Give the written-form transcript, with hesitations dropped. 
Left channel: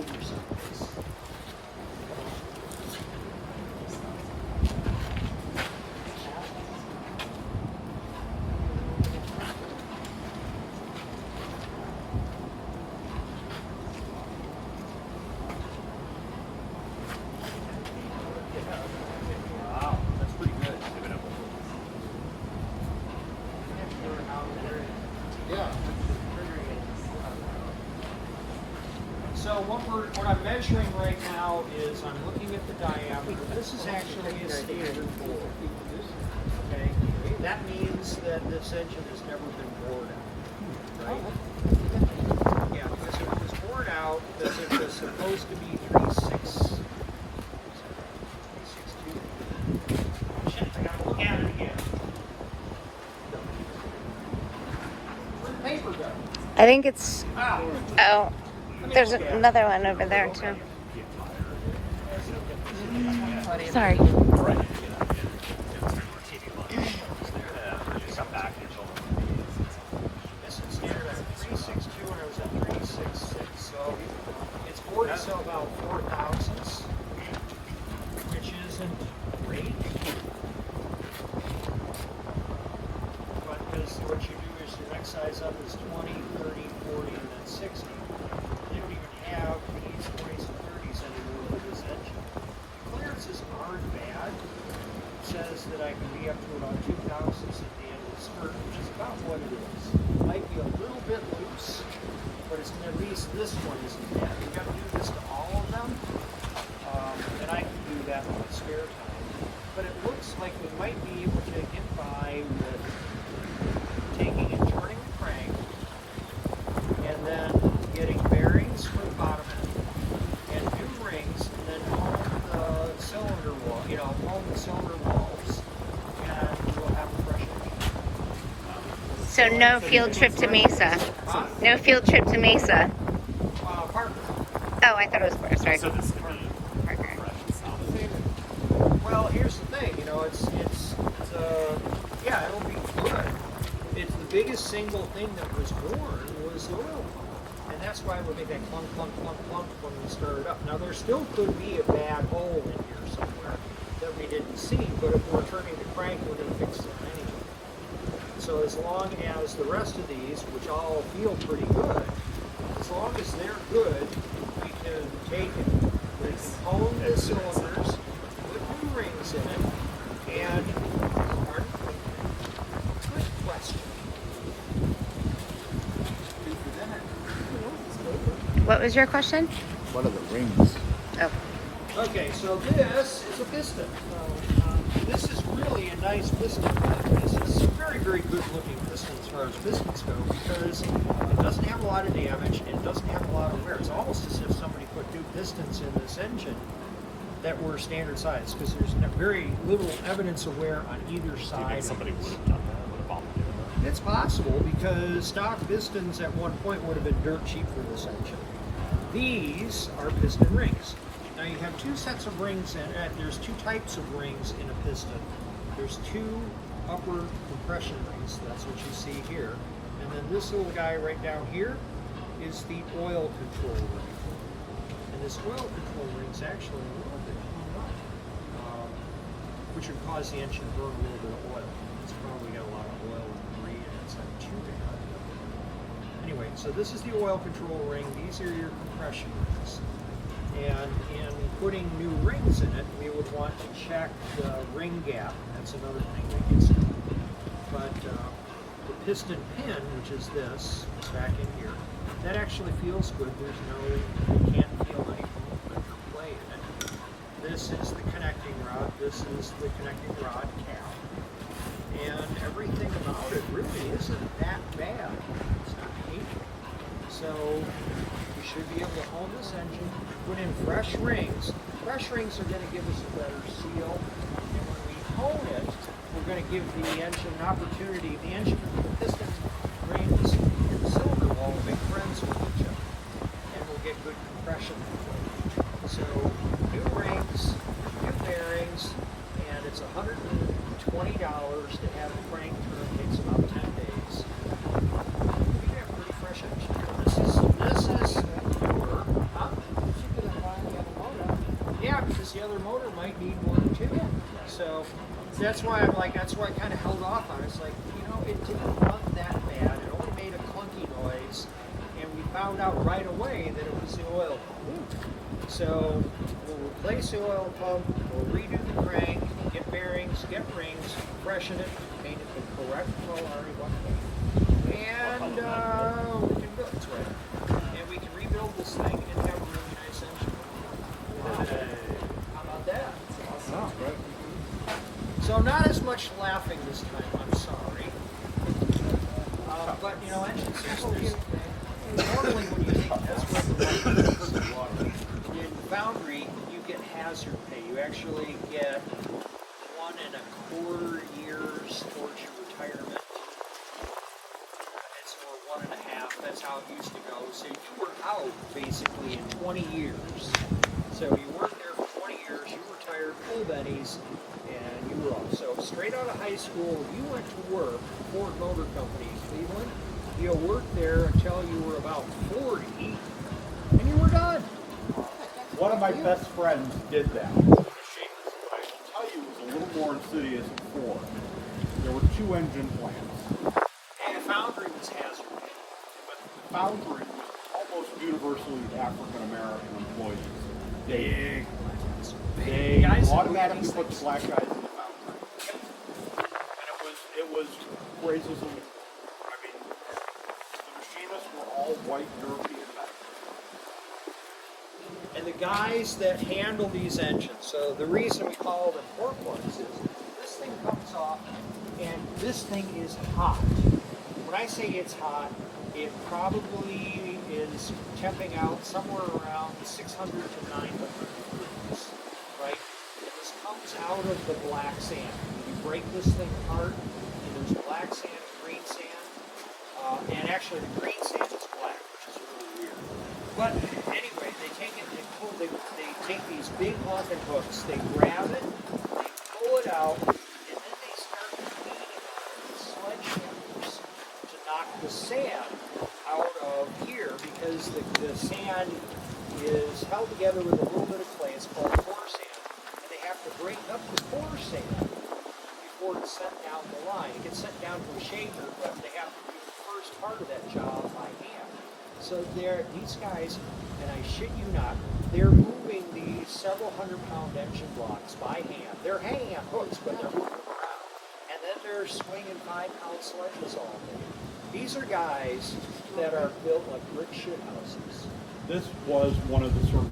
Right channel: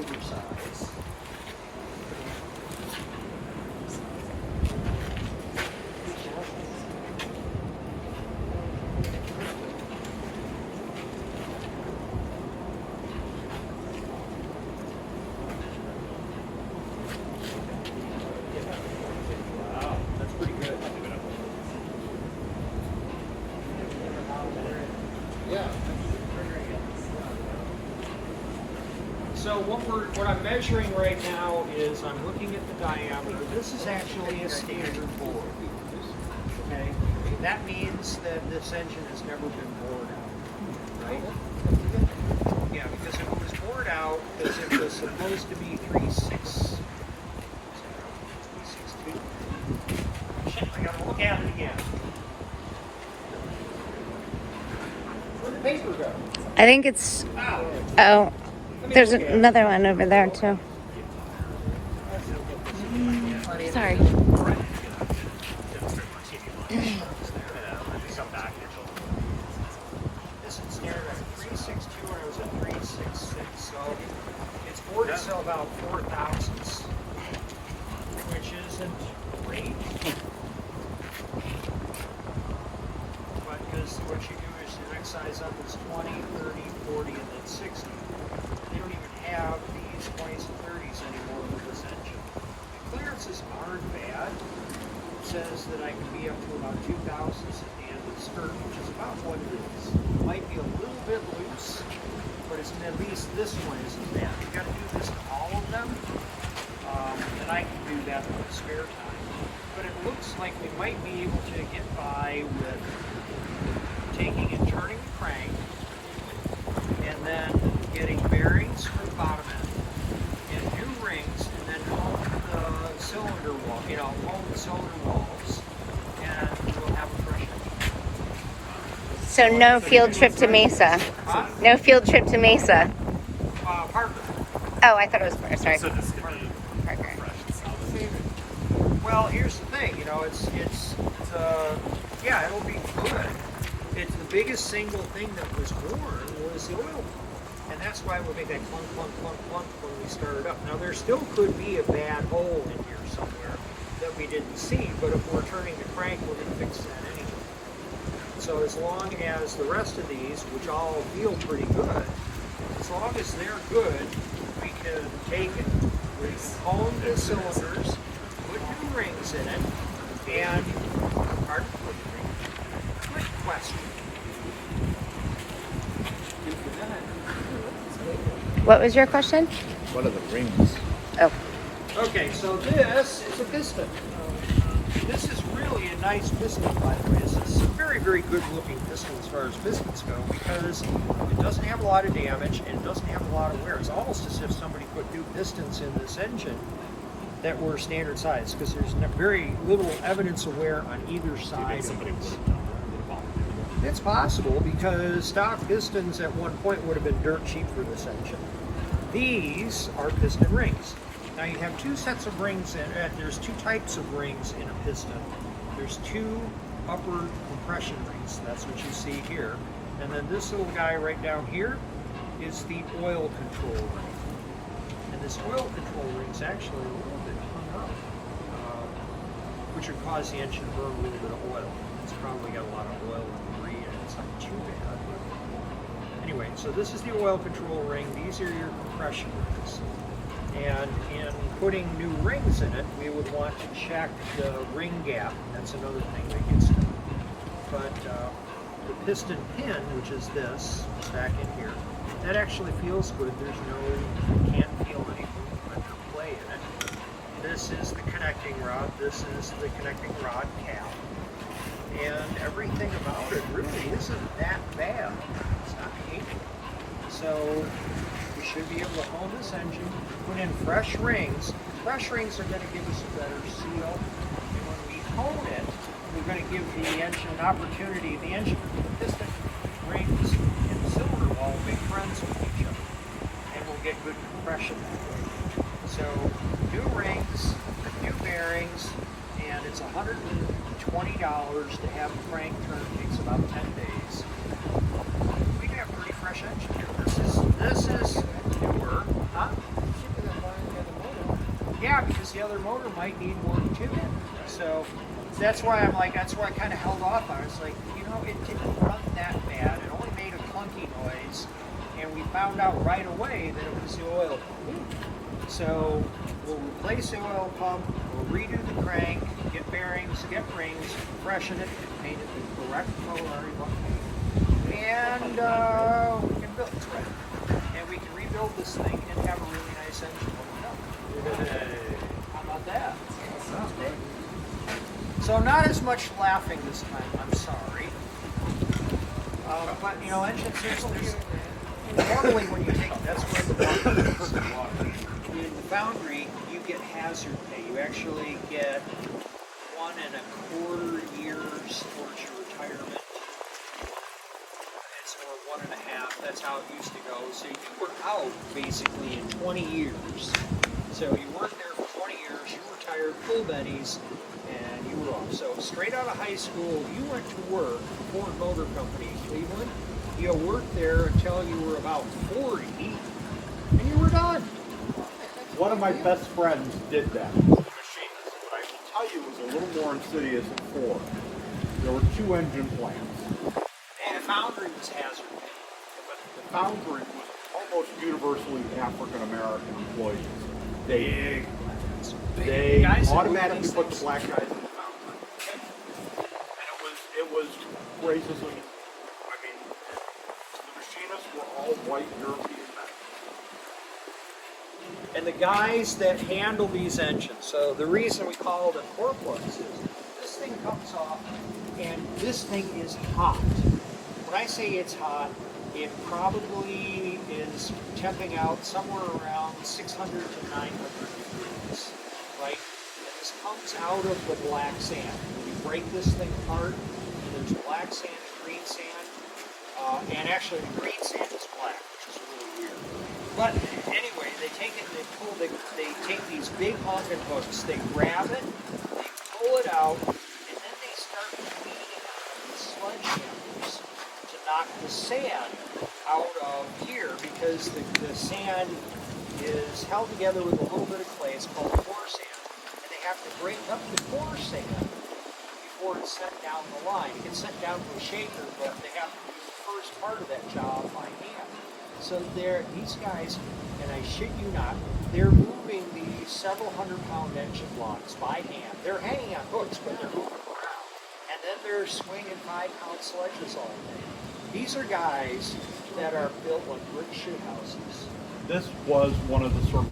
oversize. Wow, that's pretty good. Yeah. So what I'm measuring right now is I'm looking at the diameter. This is actually a standard bore. Okay, that means that this engine has never been bored out, right? Yeah, because if it was bored out, because it was supposed to be 3.62. Shit, I gotta look at it again. Where'd the paper go? I think it's. Oh. There's another one over there too. Sorry. This is standard at 3.62 and I was at 3.66. So it's bored itself about 4 thousandths, which isn't great. But because what you do is your next size up is 20, 30, 40, and then 60. They don't even have these 20s and 30s anymore for this engine. The clearances aren't bad. It says that I can be up to about 2 thousandths at the end of the skirt, which is about what it is. It might be a little bit loose, but it's at least this one isn't bad. You got to do this to all of them, and I can do that in my spare time. But it looks like we might be able to get by with taking and turning the crank, and then getting bearings for the bottom end, and new rings, and then hone the cylinder wall, hone the cylinder walls, and we'll have a fresh engine. So no field trip to Mesa. Huh? No field trip to Mesa. Parker. Oh, I thought it was sorry. Parker. Well, here's the thing, yeah, it'll be good. It's the biggest single thing that was worn was the oil pump. And that's why we'll make that clunk, clunk, clunk, clunk when we start it up. Now, there still could be a bad hole in here somewhere that we didn't see, but if we're turning the crank, we're going to fix that anyway. So as long as the rest of these, which all feel pretty good, as long as they're good, we can take and we can hone the cylinders, put new rings in it, and, pardon? Good question. What was your question? What are the rings? Oh. Okay, so this is a piston. This is really a nice piston, by the way. This is a very, very good looking piston as far as pistons go because it doesn't have a lot of damage and it doesn't have a lot of wear. It's almost as if somebody put new pistons in this engine that were standard size because there's very little evidence of wear on either side of it. It's possible because stock pistons at one point would have been dirt cheap for this engine. These are piston rings. Now you have two sets of rings in it. There's two types of rings in a piston. There's two upper compression rings. That's what you see here. And then this little guy right down here is the oil control ring. And this oil control ring is actually a little bit hung up, which would cause the engine to burn a little bit of oil. It's probably got a lot of oil and debris in it. It's not too bad. Anyway, so this is the oil control ring. These are your compression rings. And in putting new rings in it, we would want to check the ring gap. That's another thing that gets done. But the piston pin, which is this, is back in here, that actually feels good. You can't feel any movement or play in it. This is the connecting rod. This is the connecting rod cap. And everything about it really isn't that bad. It's not hateful. So we should be able to hone this engine, put in fresh rings. Fresh rings are going to give us a better seal. And when we hone it, we're going to give the engine an opportunity. The piston rings and the cylinder wall will be friends with each other. And we'll get good compression that way. So new rings, new bearings, and it's $120 to have the crank turn. It takes about 10 days. We can have a pretty fresh engine here. This is newer, huh? because the other motor might need one too. So that's why I kind of held off on it. It's like, you know, it didn't run that bad. It only made a clunky noise, and we found out right away that it was the oil pump. So we'll replace the oil pump, we'll redo the crank, get bearings, get rings, freshen it, and paint it the correct color already want paint. And we can build it's ready. And we can rebuild this thing and have a really nice engine when we're done. Hey. How about that? Sounds great. So not as much laughing this time, I'm sorry. But you know, engine systems, normally when you take, that's where the water in the foundry, you get hazard pay. You actually get 1 1/4 years towards your retirement. It's or 1.5. That's how it used to go. So you were out basically in 20 years. So you worked there for 20 years, you retired full bennies, and you were off. So straight out of high school, you went to work for Ford Motor Company in Cleveland. You worked there until you were about 40, and you were done. One of my best friends did that. But I will tell you, it was a little more insidious at Ford. There were 2 engine plants. And the foundry was hazard pay. But the foundry was almost universally African American employees. Big plants. They Guys that automatically do put the these black guys in the foundry. And it was racism. I mean, the machinists were all white European men. And the guys that handle these engines, so the reason we call them cork plugs is this thing comes off and this thing is hot. When I say it's hot, it probably is temping out somewhere around 600 to 900 degrees, right? And this comes out of the black sand. When you break this thing apart, and there's black sand and green sand, and actually the green sand is black, which is really weird. But anyway, they take it, they take these big honking hooks, they grab it, they pull it out, and then they start beating on it with sledgehammers to knock the sand out of here, because the sand is held together with a little bit of clay. It's called core sand, and they have to break up the core sand before it's sent down the line. It gets sent down to a shaker, but they have to do the first part of that job by hand. So these guys, and I shit you not, they're moving these several 100-pound engine blocks by hand. They're hanging on hooks, but they're moving them around. And then they're swinging 5-pound sledges all day. These are guys that are built like brick shit houses. This was one of the sort of